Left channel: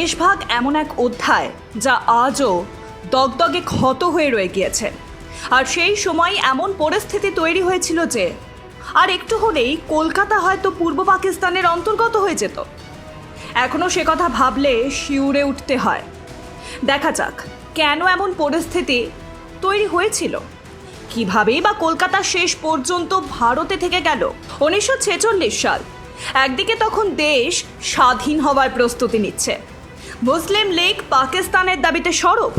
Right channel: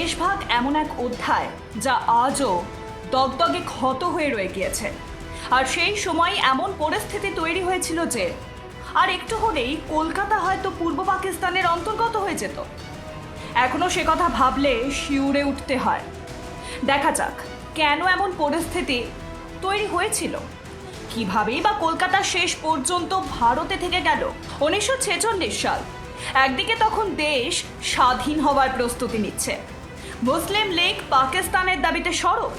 দেশভাগ এমন এক অধ্যায় যা আজও দগদগে ক্ষত হয়ে রয়ে গিয়েছে। আর সেই সময় এমন পরিস্থিতি তৈরি হয়েছিল যে, আর একটু হলেই কলকাতা হয়তো পূর্ব পাকিস্তানের অন্তর্গত হয়ে যেত। এখনও সে কথা ভাবলে শিউরে উঠতে হয়। দেখা যাক কেন এমন পরিস্থিতি তৈরি হয়েছিল। কিভাবেই বা কলকাতা শেষ পর্যন্ত ভারতে থেকে গেল? উনিশশো ছেচল্লিশ সাল। একদিকে তখন দেশ স্বাধীন হওয়ার প্রস্তুতি নিচ্ছে। মুসলিম লীগ পাকিস্তানের দাবিতে সরব।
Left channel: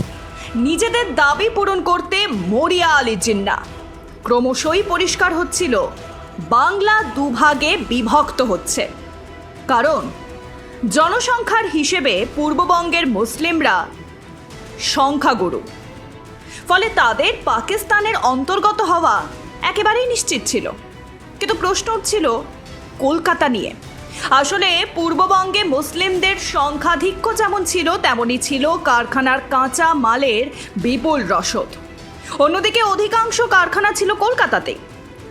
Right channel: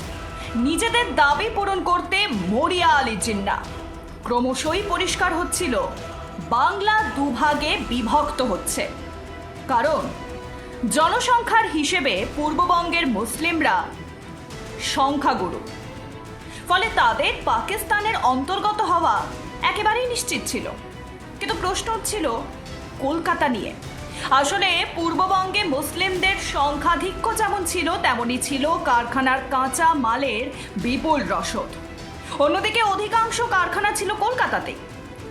নিজেদের দাবি পূরণ করতে মরিয়া আলী জিন্না। ক্রমশই পরিষ্কার হচ্ছিল, বাংলা দুভাগে বিভক্ত হচ্ছে। কারণ, জনসংখ্যার হিসেবে পূর্ববঙ্গের মুসলিমরা সংখ্যাগুরু। ফলে তাদের পাকিস্তানের অন্তর্গত হওয়া একেবারেই নিশ্চিত ছিল। কিন্তু প্রশ্ন ছিল কলকাতা নিয়ে। আসলে পূর্ববঙ্গে মুসলিমদের সংখ্যাধিক্য যেমন ছিল, তেমনই ছিল কারখানার কাঁচা মালের বিপুল রসদ। অন্যদিকে অধিকাংশ কারখানা ছিল কলকাতাতে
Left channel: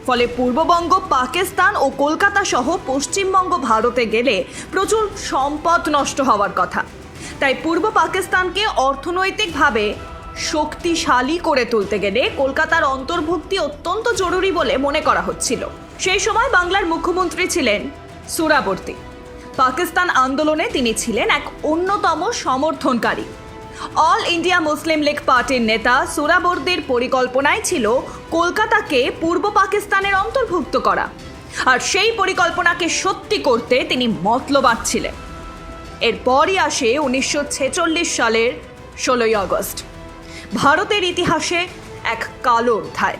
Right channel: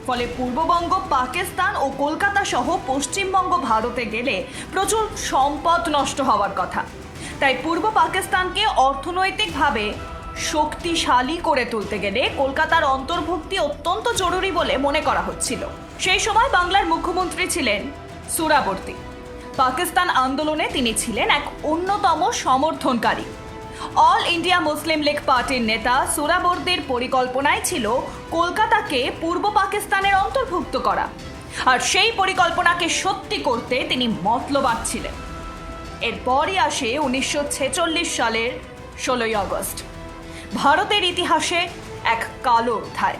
ফলে পূর্ববঙ্গ, পাকিস্তান ও কলকাতা সহ পশ্চিমবঙ্গ ভারতে গেলে প্রচুর সম্পদ নষ্ট হওয়ার কথা। তাই পূর্ব পাকিস্তানকে অর্থনৈতিকভাবে শক্তিশালী করে তুলতে গেলে কলকাতার অন্তর্ভুক্তি অত্যন্ত জরুরি বলে মনে করা হচ্ছিল। সেই সময় বাংলার মুখ্যমন্ত্রী ছিলেন সুরাবর্তী। পাকিস্তান আন্দোলনে তিনি ছিলেন এক অন্যতম সমর্থনকারী। অল ইন্ডিয়া মুসলিম লীগ পার্টির নেতা সুরাবর্দির পরিকল্পনায় ছিল কলকাতাকে পূর্ব পাকিস্তানের অন্তর্ভুক্ত করা। আর সেই পরিকল্পনাকে সত্যি করতে তিনি মতলবাদ ছিলেন। এরপরই আসে উনিশশো ছেচল্লিশ সালের ষোলোই আগস্ট। ভারতের ইতিহাসে এক কালো অধ্যায়।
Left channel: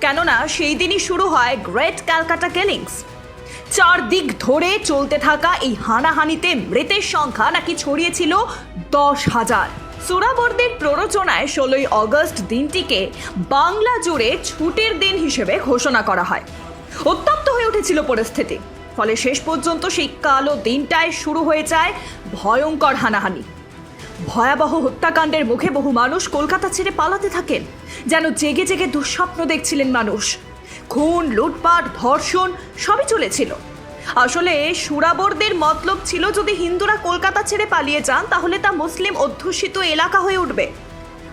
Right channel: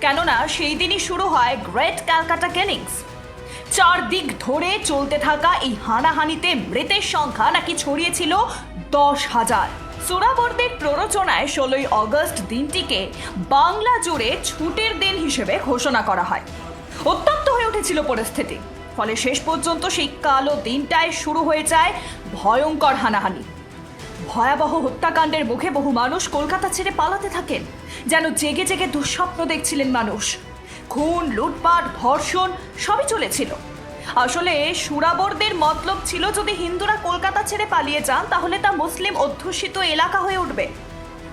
কেননা সেই দিনই শুরু হয় গ্রেট ক্যালকাটা কেলিংস চারদিক ধরে চলতে থাকা এই হানাহানিতে মৃতের সংখ্যা নাকি ছড়িয়েছিল দশ হাজার। সুরাবর্দের প্ররোচনায় ষোলোই অগস্ট দিনটিকে বাংলা জুড়ে ছুটির দিন হিসেবে ঘোষণা করা হয়। অত্যন্ত হয়ে উঠেছিল পরিস্থিতি। ফলে শেষ পর্যন্ত সেই কালো দিনটায় শুরু হয়ে যায় ভয়ঙ্কর হানাহানি। ভয়াবহ হত্যাকাণ্ডের মুখে বহু মানুষ কলকাতা ছেড়ে পালাতে থাকেন। যেন জেগে জেগে দুঃস্বপ্ন দেখছিলেন মানুষ। খুন, লুটপাট, ধর্ষণ, সবই চলেছিল। আসলে সুরাবরদের মতলব ছিল, যদি হিন্দুরা কলকাতা ছেড়ে পালিয়ে যান, তাহলে তা মুসলিম অধ্যুষিত এলাকা হয়ে উঠবে।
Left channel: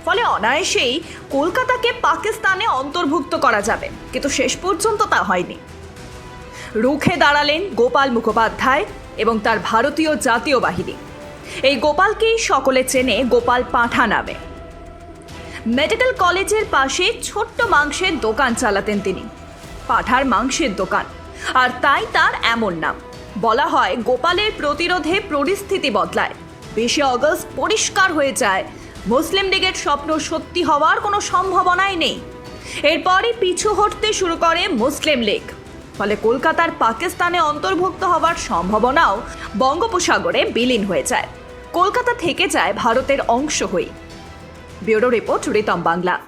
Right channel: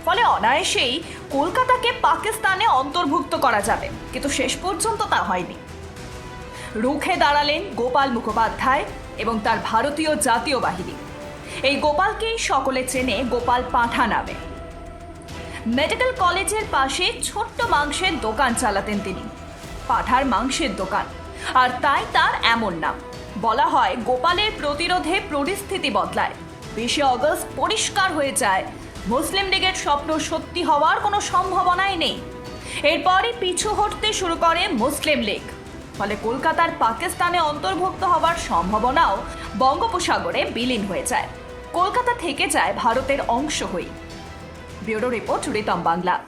ফলে অনায়াসেই কলকাতাকে পাকিস্তানে অন্তর্ভুক্ত করা যাবে, কিন্তু শেষ পর্যন্ত তা হয়নি। রুখে দাঁড়ালেন গোপাল মুখোপাধ্যায় এবং তার ভারতীয় জাতীয় বাহিনী। এই গোপালকেই সকলে চেনে গোপাল পাঁঠা নামে। মেডিকেল কলেজের পাশে ছোট্ট মাংসের দোকান চালাতেন তিনি। পাঠার মাংসের দোকান। আর তাই তার এমন নাম। বলা হয় গোপালের প্রতিরোধে পরিস্থিতি বদলায়। বিশে অগস্ট পরিষ্কার হয়ে যায়। মুসলিম লীগের স্বপ্ন সত্যি হওয়ার কোনো সম্ভাবনাই নেই। এরপরই পিছু হটতে শুরু করে মুসলিম লীগ। ফলে কলকাতার পাকিস্তানে অন্তর্ভুক্ত হওয়ার সম্ভাবনাও বঙ্গোপসাগরে বিলীন হয়ে যায়। কলকাতা থেকে যায় ভারতের অংশ হয়ে। Bureau report Ritam Bangla.